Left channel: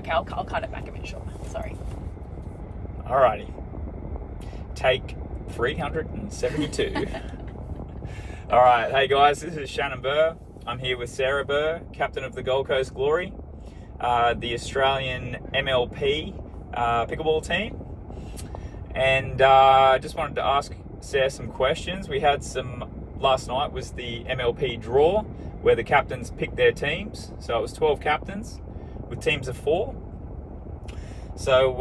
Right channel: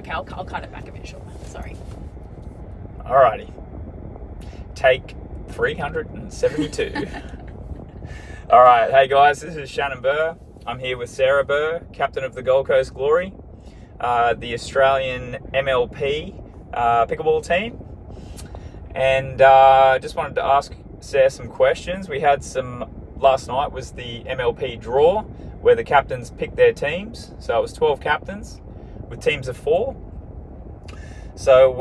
Okay, I'll cut it back a bit shorter. Sorry. Alrighty. Take 372. Alright, hey guys, this is Shannon Burr. I'm here with Sarah Burr, captain of the Gold Coast Glory, the Australian MLP pickleball team. And just wanted to ask Sarah some questions. We had last night was the MLP draw, where the captains picked their teams. So it was 12 captains with teams of 4. So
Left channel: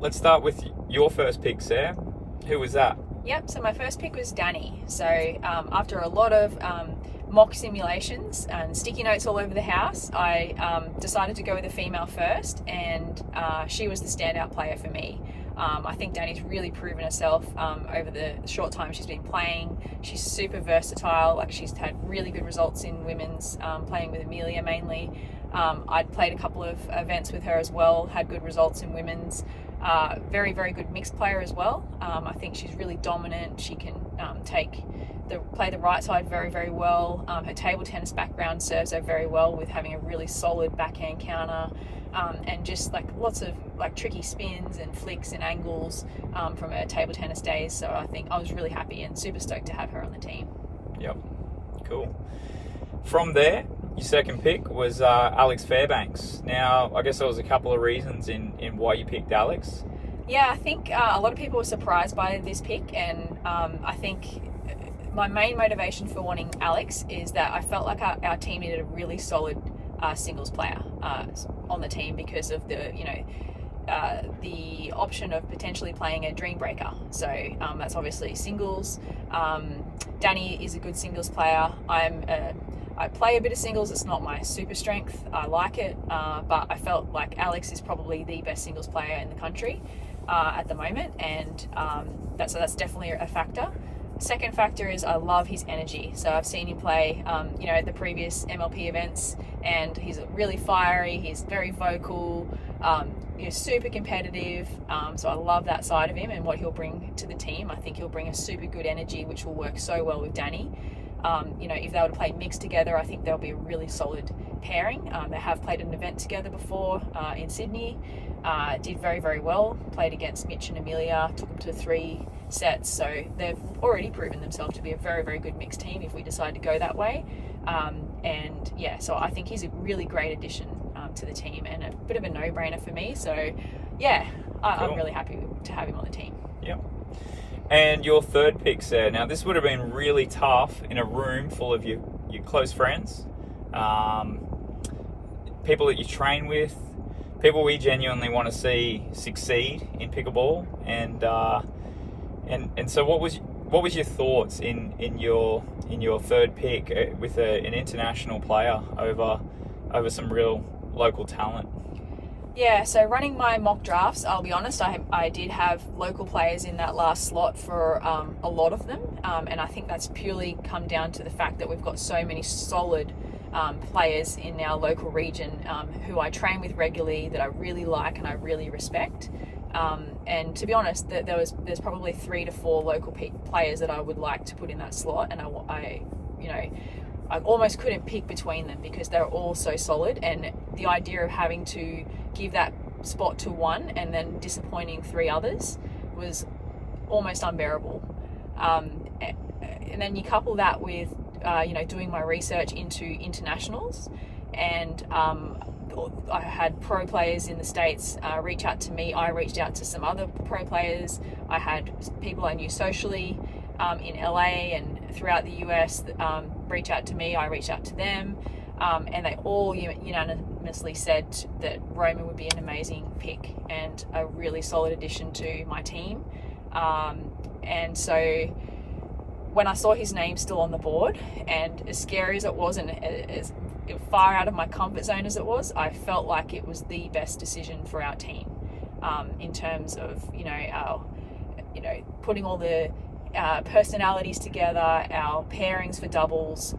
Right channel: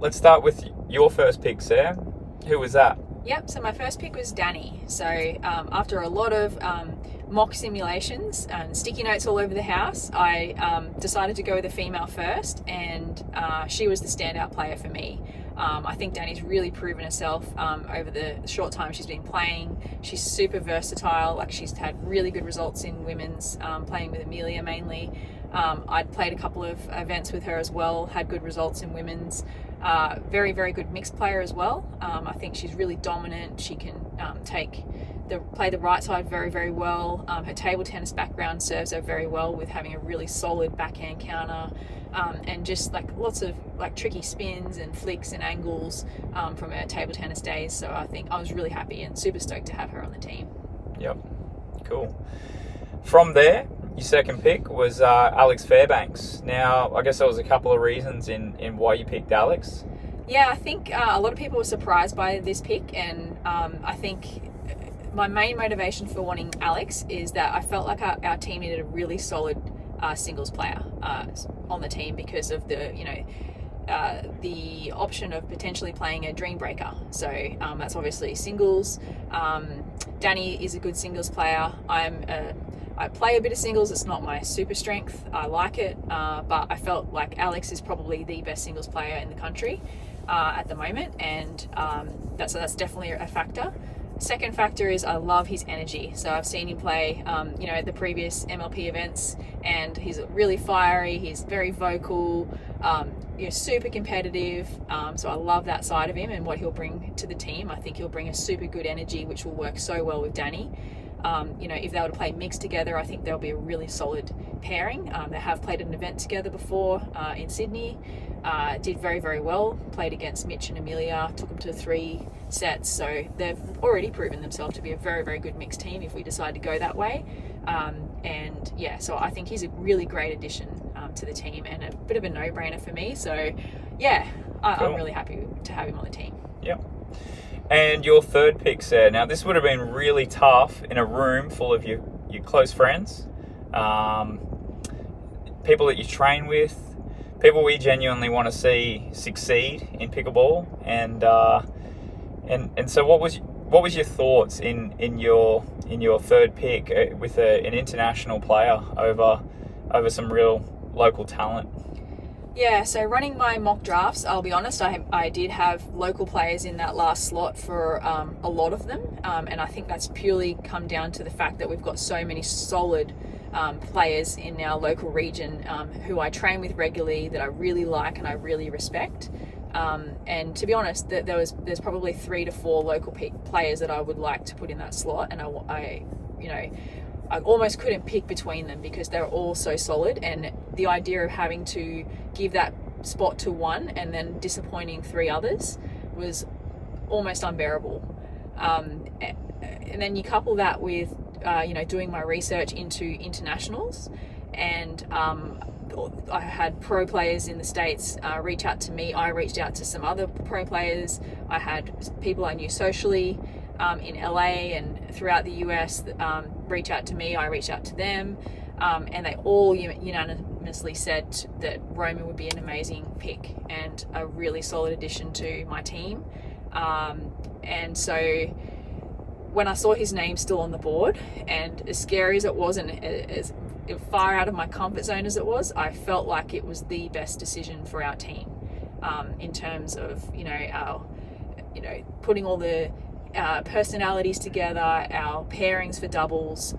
let's start with your first pick, Sarah. Who was that? Yep, so my first pick was Danny. So after a lot of mock simulations and sticky notes all over the house, I decided to go with a female first, and she was the standout player for me. I think Danny's really proven herself over the short time she's been playing. She's super versatile. Like, she's had really good results in women's, playing with Amelia mainly. I'd played a couple of events with her as well, had good results in women's. Very, very good mixed player as well. I think she's really dominant. She can play the right side very, very well. Her table tennis background serves her very well with having a really solid backhand counter, and just like lots of like tricky spins and flicks and angles from her table tennis days. So I think I was really happy and super stoked to have her on the team. Yep, cool. From there, your second pick was Alex Fairbanks. Now, I guess there was a couple of reasons in why you picked Alex. Yeah, I think a lot of people were surprised by this pick, and I think my main motivation for wanting Alex is that I felt like our team needed a really solid singles player on the team because of the option of potentially playing a dream breaker. So that's obviously singles. Danny is a good singles player. I play a bit of singles. It's not my super strength. I like it, but I felt like Alex is probably the best singles player in the country at the moment, and that's definitely a factor. Second factor is I love his energy. So I've seen him play, the previous MLP events, and he's really fiery. He's very vocal, super competitive. So I love that side of him and what he'll bring to the team. I think he'll bring a super good energy, which will work so well with Danny. If they were to play mixed together, I think they'll be a really solid pairing. They have played an event together before in Sydney. Did very, very well. Played against Mitch and Amelia, took them to 3 sets. So they've already proven themselves to be a very, very good mixed team if we decide to go that way. So I think he's a really great addition to the team and a bit of a no-brainer for me. So yeah, I'm really happy to have him on the team. Yep. And your third pick, Sarah. Now, this would have been really tough in a room full of your close friends, people that you train with, people we genuinely want to see succeed in pickleball. And so, what was your thoughts in your third pick with an international player over some real local talent? Yeah, so running my mock drafts, I'll be honest, I did have local players in that last slot for a lot of them, and I think that's purely come down to the fact that we've got so many solid players in our local region who I train with regularly, that I really like and I really respect. And to be honest, there's probably 3 to 4 local players that I would like to put in that slot, and I almost couldn't pick between them because they're all so solid, and the idea of having to give that spot to one and then disappointing 3 others was almost unbearable. And then you couple that with doing my research into internationals, and I had pro players in the States reach out to me. I reached out to some other pro players. I had people I knew socially in LA and throughout the US reach out to me. I reached out to them, and they all unanimously said that Roman would be an amazing pick and a really solid addition to my team. And so when I saw his name still on the board, and as scary as it was and as far out of my comfort zone as it was, I felt like it was the best decision for our team in terms of putting all the personalities together, our pairings for doubles,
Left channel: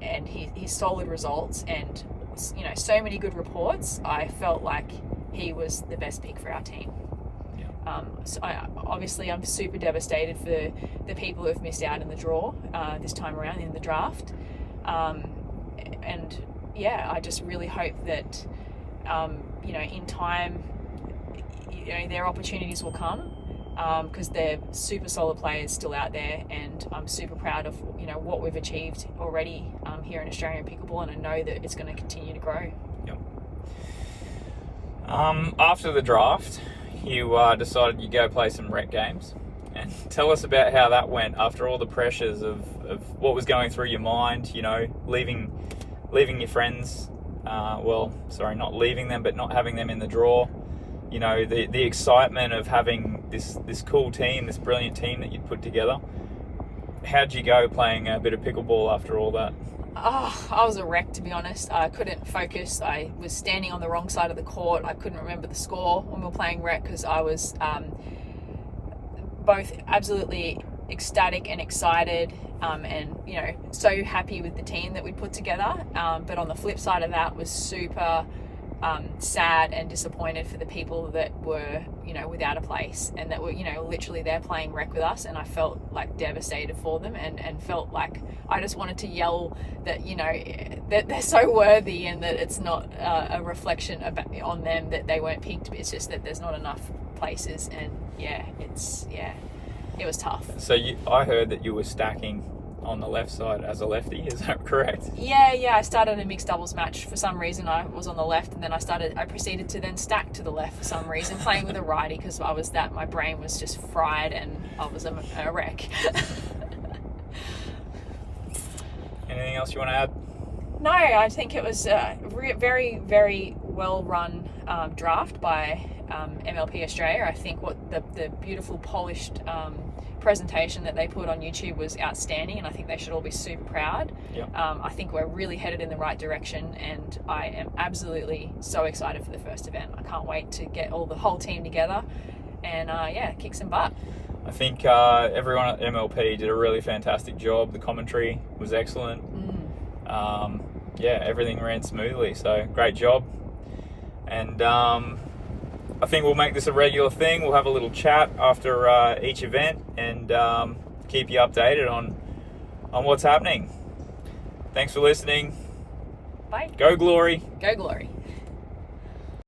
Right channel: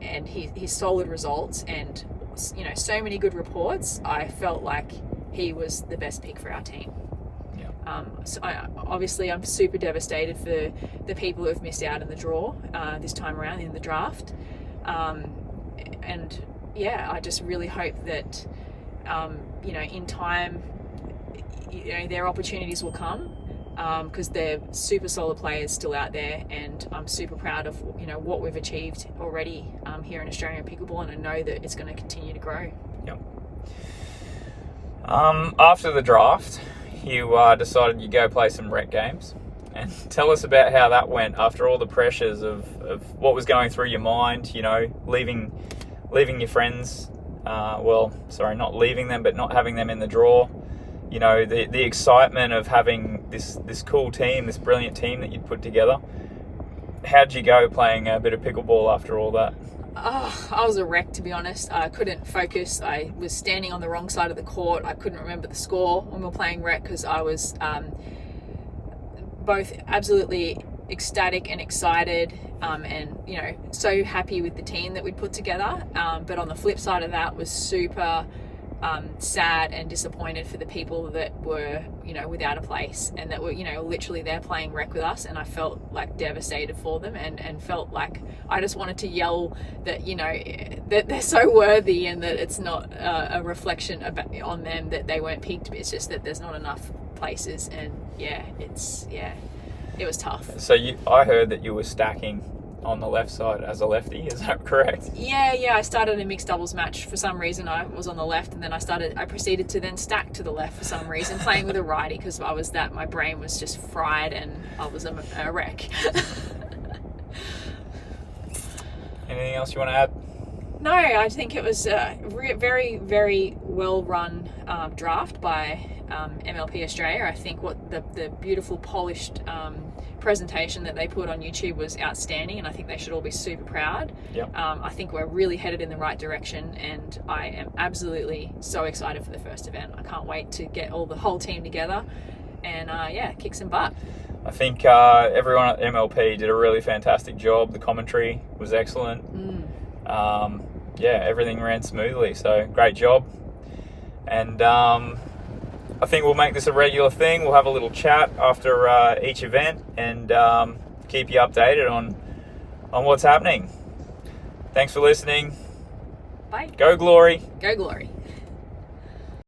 and his solid results, and so many good reports. I felt like he was the best pick for our team. So obviously I'm super devastated for the people who have missed out in the draw this time around in the draft, and I just really hope that in time, their opportunities will come, because they're super solid players still out there, and I'm super proud of what we've achieved already here in Australian pickleball, and I know that it's going to continue to grow. Yep. After the draft, you decided you'd go play some rec games, and tell us about how that went after all the pressures of what was going through your mind. Leaving your friends. Not leaving them, but not having them in the draw. The excitement of having this cool team, this brilliant team that you'd put together. How'd you go playing a bit of pickleball after all that? I was a wreck, to be honest. I couldn't focus. I was standing on the wrong side of the court. I couldn't remember the score when we were playing rec, because I was both absolutely ecstatic and excited, and so happy with the team that we put together, but on the flip side of that was super sad and disappointed for the people that were without a place, and that were literally there playing rec with us, and I felt like devastated for them, and felt like I just wanted to yell that that they're so worthy, and that it's not a reflection on them that they weren't picked. It's just that there's not enough places, and it was tough. So I heard that you were stacking on the left side as a lefty, is that correct? Yeah, I started a mixed doubles match. For some reason I was on the left, and then I proceeded to then stack to the left for some reason, playing with a righty, because my brain was just fried and I was a wreck. Anything else you want to add? No, I think it was a very, very well run draft by MLP Australia. I think what the beautiful polished presentation that they put on YouTube was outstanding, and I think they should all be super proud. Yep. I think we're really headed in the right direction, and I am absolutely so excited for the first event. I can't wait to get the whole team together and kick some butt. I think everyone at MLP did a really fantastic job. The commentary was excellent. Everything ran smoothly, so great job. And I think we'll make this a regular thing. We'll have a little chat after each event, and keep you updated on what's happening. Thanks for listening. Bye. Go Glory. Go Glory.